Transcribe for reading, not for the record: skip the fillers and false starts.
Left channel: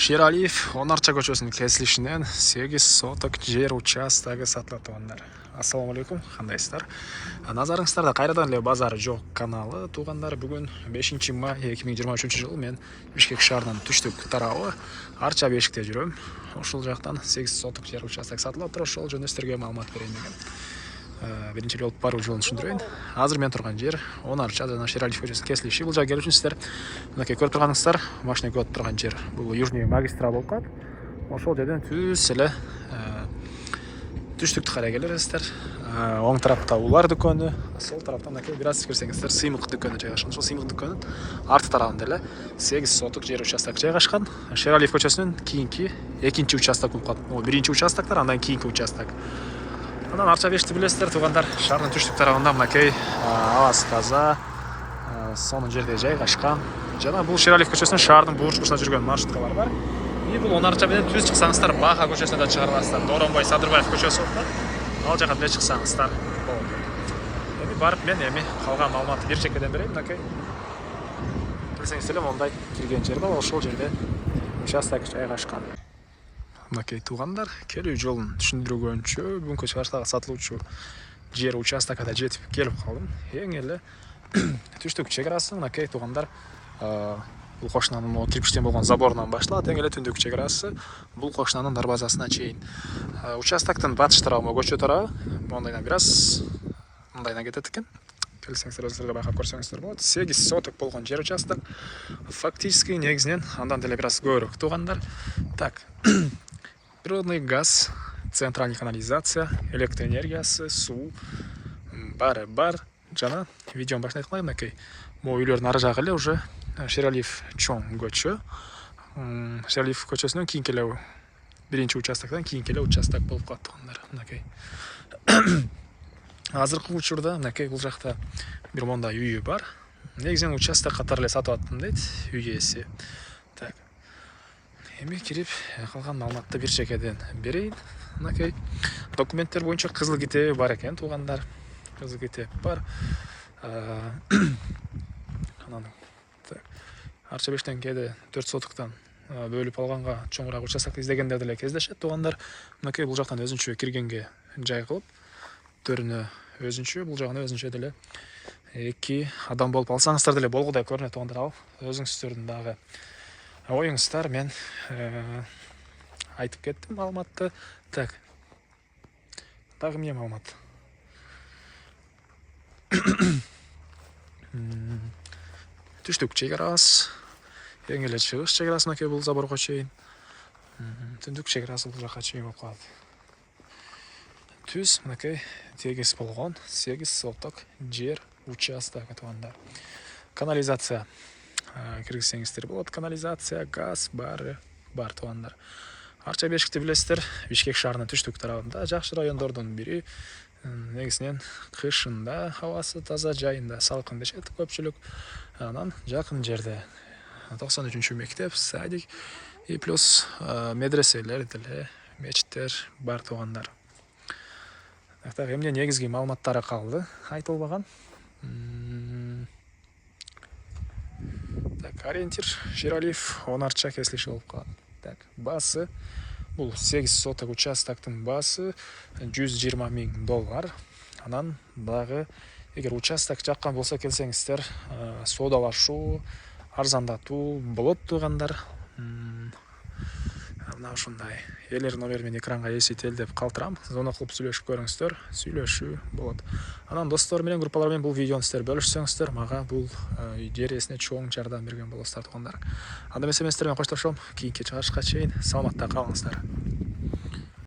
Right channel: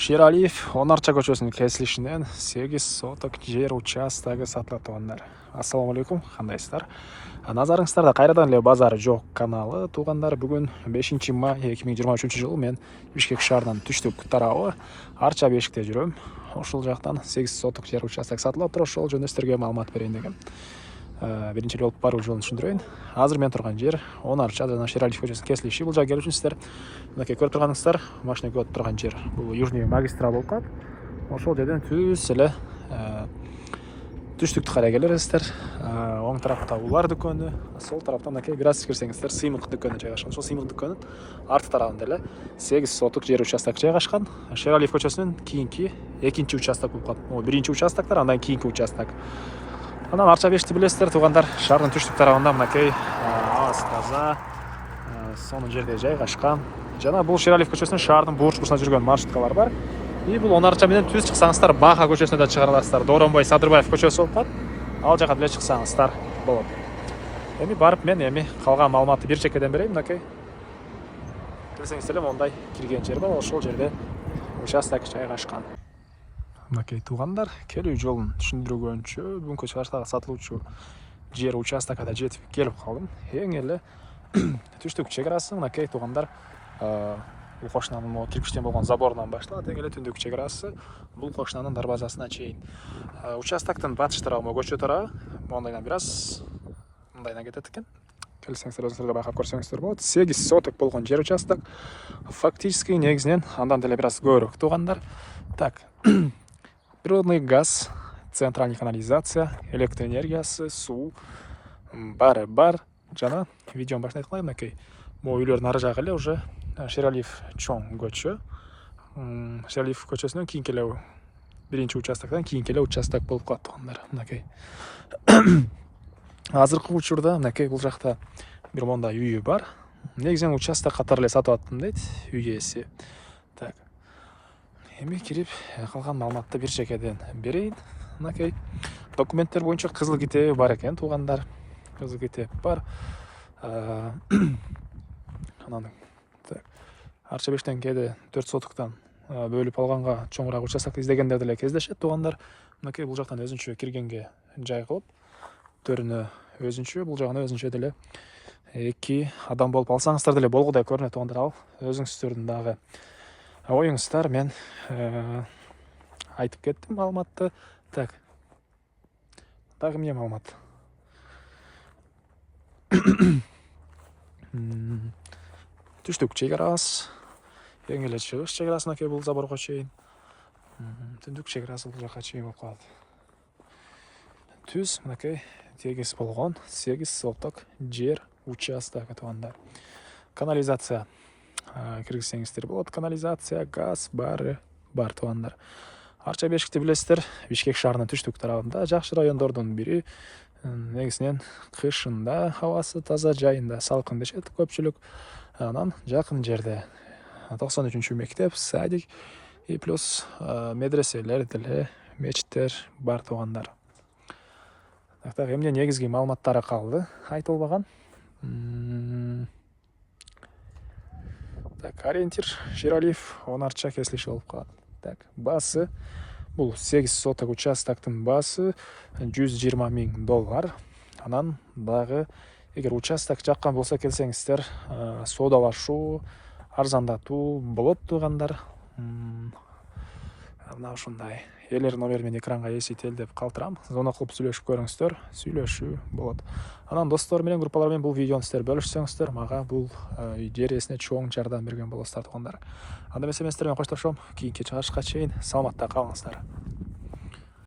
Шералиев Онарча көчөсүнүн кесилишинен 8 соток жер участогу сатылат туугандар. Ассаламу алейкум, кандайсыздар? Назарыңыздарда кайрадан эле базар жок каналы туугандар. Бүгүн 5 май 2023 жыл мен Бишкек шаарынын түштүк тарабы Арча Бешикте жүрөм. Ошол жактан 8 соток жер участок сатылып атыр. Ошол жөнүндө сиздерге маалымат берейин дегем. Биринчи болуп баруу жолун түшүндүрөйүн. Азыр мен турган жер Онарча жана Шералиев көчөсүнүн кесилиши. Бул жакка келүү үчүн сиздер мынакей көрүп турганыңыздар, машина өтүп турган жер. Бул Южный магистраль болуп калат. Ошол жерден түз эле түштүктү карай келесиздер. Оң тарапта улар дүкөнү, сол тараптан мынакей бир аз кирсеңиздер сыймык дүкөнү жайгашкан. Ошол сыймык дүкөнүнүн арты тарабында эле 8 соток жер участок жайгашкан. Шералиев көчөсүнүн кийинки экинчи участок болуп калат. Бул биринчи участоктор, андан кийинки участок. Анан Арча Бешикти билесиздер туугандар, шаардын түштүк тарабында мынакей абасы таза, сонун жерде жайгашкан. Жана бул Шералиев көчөсүнүн шаардын бурч бурчуна жүргөн маршруткалар бар. И бул Онарча менен түз чыксаңыздар Баха көчөсүнө да чыгара аласыздар. Дооронбай Садырбаев көчөсү болуп калат. Ал жака деле чыксаңыздар болот. Эми барып мен калган маалыматты бир чекеден берейин, мынакей. Билсеңиздер эле мондай кирген жер бар, ошол жерде участок жайгашкан. Мынакей туугандар, келүү жолун түшүндүргөнчө бүгүнкү чыгарыштагы сатылуучу жер участокко да жетип келип калдым. Эң эле түштүк чек арасы мынакей туугандар, бул кошунанын кирпичтен болгон заборунан башталат. Эң эле түндүк чек арасы бул кошунанын дарбазасына чейин. Участоктун батыш тарабы көчө тарабы мондайдан бир аз мындайдан кетет экен. Келсеңиздер өзүңүздөр байкап көрсөңүздөр болот. 8 соток болгон жер участок. Фактически негизинен андан деле бир аз көбүрөөк туугандар. Так. Природный газ, центральный канализация, электроэнергиясы, суу баары бар. Жана видеонун башында айткандай мынакей могу үйлөрдүн ары жагы эле уже Шералиев чоң көчө. Шералиев көчөсүнөн кийинки эле биринчи участоктон кийинки эле участок болуп калат туугандар. Мынакей. Азыркы учурда мынакей бул жакта бир мондай үйү бар. Негизинен участок катары эле сатып аттым дейт үй ээси. Так. Эми кирип калган маалыматты бир чекеден берейин. Мынакей документтер боюнча кызыл китеби бар экен туугандар. Кызыл китеп бар. Анан Арча Бештен кээде 4 сотоктон бөлүп алганга чоңураак участокты издегендер деле кездешет туугандар. Мынакей бул жактан өзүнчө киргенге жай кылып, төрүнө өзүнчө, бул жагына өзүнчө деле эки адам болуп алсаңыздар деле болгудай көрүнөт туугандар. Ал өзүңүздөрдүн дагы оюңуздар, мен айтып кеттим маалыматты. Так. Дагы эмне маалымат? Түштүк чек арасы, эң эле чыгыш чек арасы мынакей бул заборго чейин. Түндүк чек арасы бул жака чейин болуп калат. Түз мынакей тегиз болгон 8 соток жер участогу туугандар. Канализация киргизсеңиздер болот. Канализация, газ баары бар туугандар. Арча Бешикти билесиздер, Бишкек шаарынын түштүк тарабында жакшы райондордун бири. Негизинен кышында абасы таза, жайында салкын дешет көпчүлүк. Анан жакын жерде 93 мектеп, садик и плюс медреселер деле, мечиттер бар туугандар. Так, эмне негизги маалыматтары калды айтылбаган. Так, ориентир Шералиев Онарча кесилиши болуп калат. Так, баасы бул 8 соток участоктун баасы $120 000. Анан дагы эгер участок жаккан болсо келсеңиздер, соодалашуу, арзандатуу болот туугандар. Мына ушундай элер номер мен экранга эсител деп калтырам. Звонок кылып сүйлөшүп көрүңүздөр, сүйлөшүү болот. Анан достор менен, группалар менен бул видеону сиздер бөлүшсөңүздөр, мага бул жер ээсине чоң жардам берген болосуздар туугандар. Анда эмесе мен сиздер менен коштошом. Кийинки чыгарышка чейин саламатта калыңыздар.